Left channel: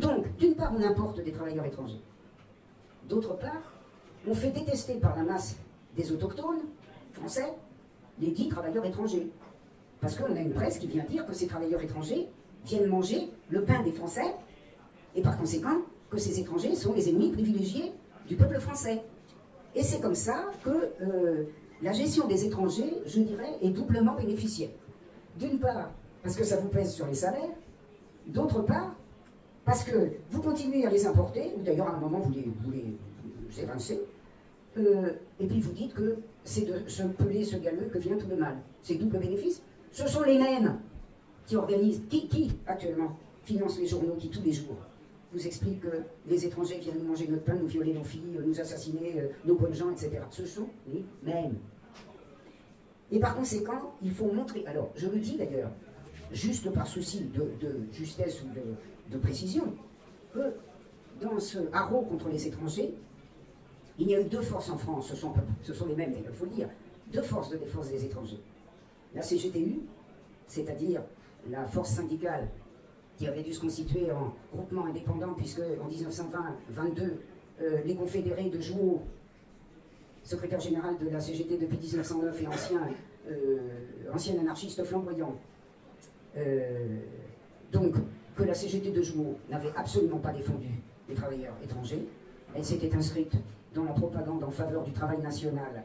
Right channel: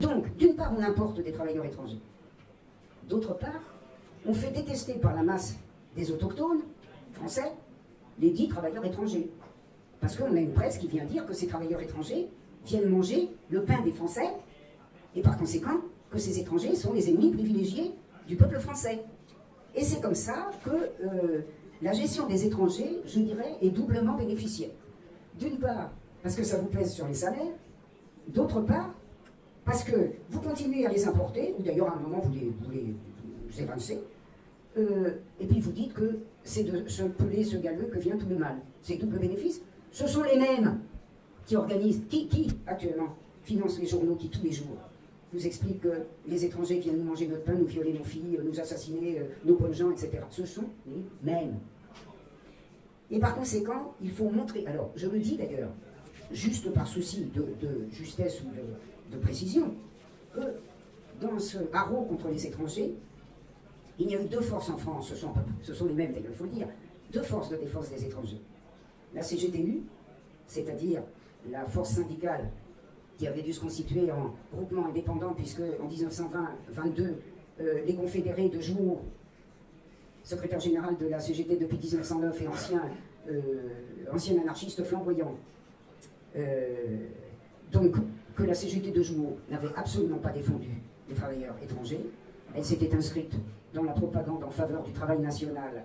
Donc, d'une part, on importe des travailleurs étrangers. D'autre part, on fait détester par la masse des autochtones français les dits travailleurs étrangers. Parce qu'on a une presse qui vient dire que ces travailleurs étrangers viennent manger le pain des Français, et par conséquent, que ces étrangers sont les ennemis privilégiés du peuple français. Et c'est comme ça que la gestion des étrangers, je dirais, est doublement bénéficiaire. D'une part, parce que ça vous pèse sur les salaires, d'autre part, parce que vous continuez à les importer, ou d'ailleurs à un moment vous les évincez, et puis vous dites que c'est de ce pelé, ce galeux que vient tout le mal. C'est double bénéfice. Ce sont les mêmes qui organisent, qui actuellement financent les journaux, qui tous les jours nous expliquent que les étrangers viennent nous manger notre pain, nous violer nos filles, nous assassiner nos bonnes gens, etc. Ce sont les mêmes. Et par conséquent, il faut montrer, alors je le dis d'ailleurs, juste par souci de justesse ou de précision, que dans ce haro contre les étrangers, il y a eu deux forces en France, ce sont les mêmes d'ailleurs, il faut le dire, deux forces de défense des étrangers. La CGTU, c'est-à-dire la force syndicale qui avait dû se constituer en groupement indépendant, puisque en 1920-22, les confédérés de Jouot, secrétaire général de la CGT depuis 1909 et ancien anarchiste flamboyant, donc que la CGT de Jouot n'avait absolument pas défendu les travailleurs étrangers. Elle s'était inscrite dans la propagande en faveur du travail national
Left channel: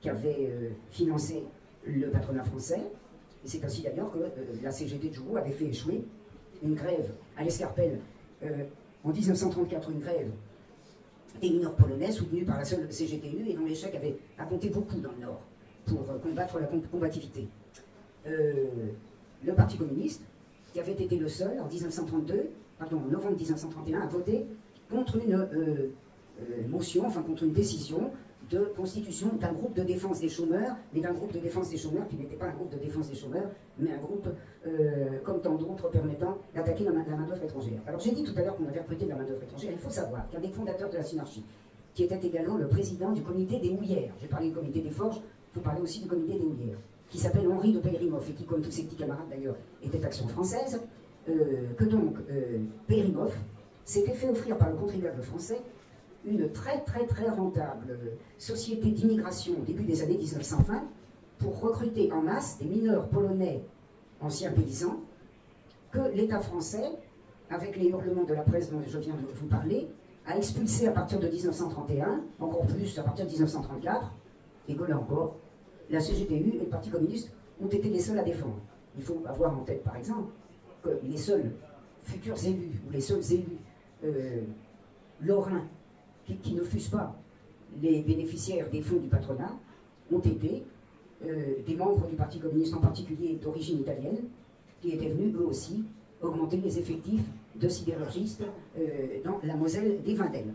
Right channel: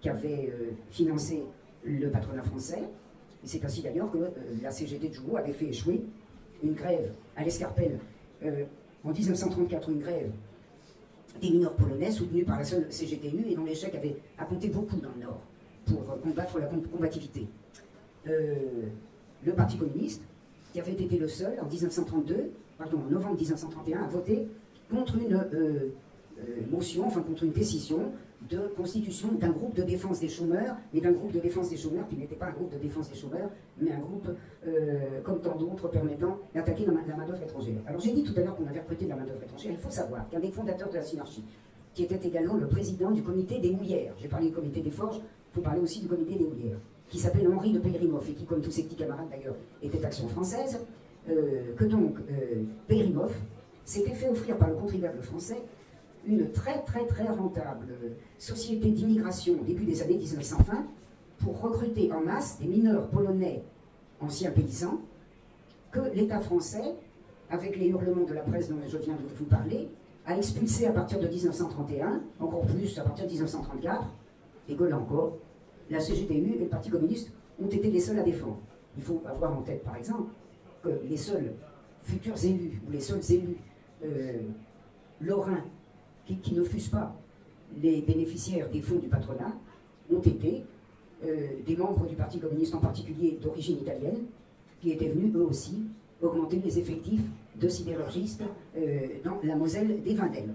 qu'avait financé le patronat français. Et c'est ainsi d'ailleurs que la CGT de Jouot avait fait échouer une grève à l'Escarpelle en 1934, une grève des mineurs polonais soutenue par la seule CGTU et dont l'échec avait compté beaucoup dans le Nord pour combattre la combativité. Le Parti communiste, qui avait été le seul en 1932, pardon, en novembre 1931, à voter contre une motion, enfin contre une décision de constitution d'un groupe de défense des chômeurs, mais d'un groupe de défense des chômeurs qui n'était pas un groupe de défense des chômeurs, mais un groupe, comme tant d'autres, permettant d'attaquer la main-d'œuvre étrangère. Alors j'ai dit tout à l'heure qu'on avait recruté de la main-d'œuvre étrangère. Il faut savoir qu'un des fondateurs de la Synarchie, qui était également le président du comité des houillères, j'ai parlé du comité des forges, il faut parler aussi du comité des houillères, qui s'appelle Henri de Peyrimhoff, et qui, comme tous ses petits camarades d'ailleurs, était Action française, que donc Peyrimhoff s'était fait offrir par le contribuable français une très rentable société d'immigration au début des années 1920 pour recruter en masse des mineurs polonais anciens paysans que l'État français, avec les hurlements de la presse dont je viens de vous parler, a expulsé à partir de 1931, encore plus à partir de 1934, et que là encore, la CGTU et le Parti communiste ont été les seuls à défendre. Il faut avoir en tête, par exemple, que les seuls futurs élus, ou les seuls élus lorrains qui ne fussent pas les bénéficiaires des fonds du patronat, ont été des membres du Parti communiste, en particulier d'origine italienne, qui étaient venus eux aussi augmenter les effectifs de sidérurgistes dans la Moselle des Vindelles.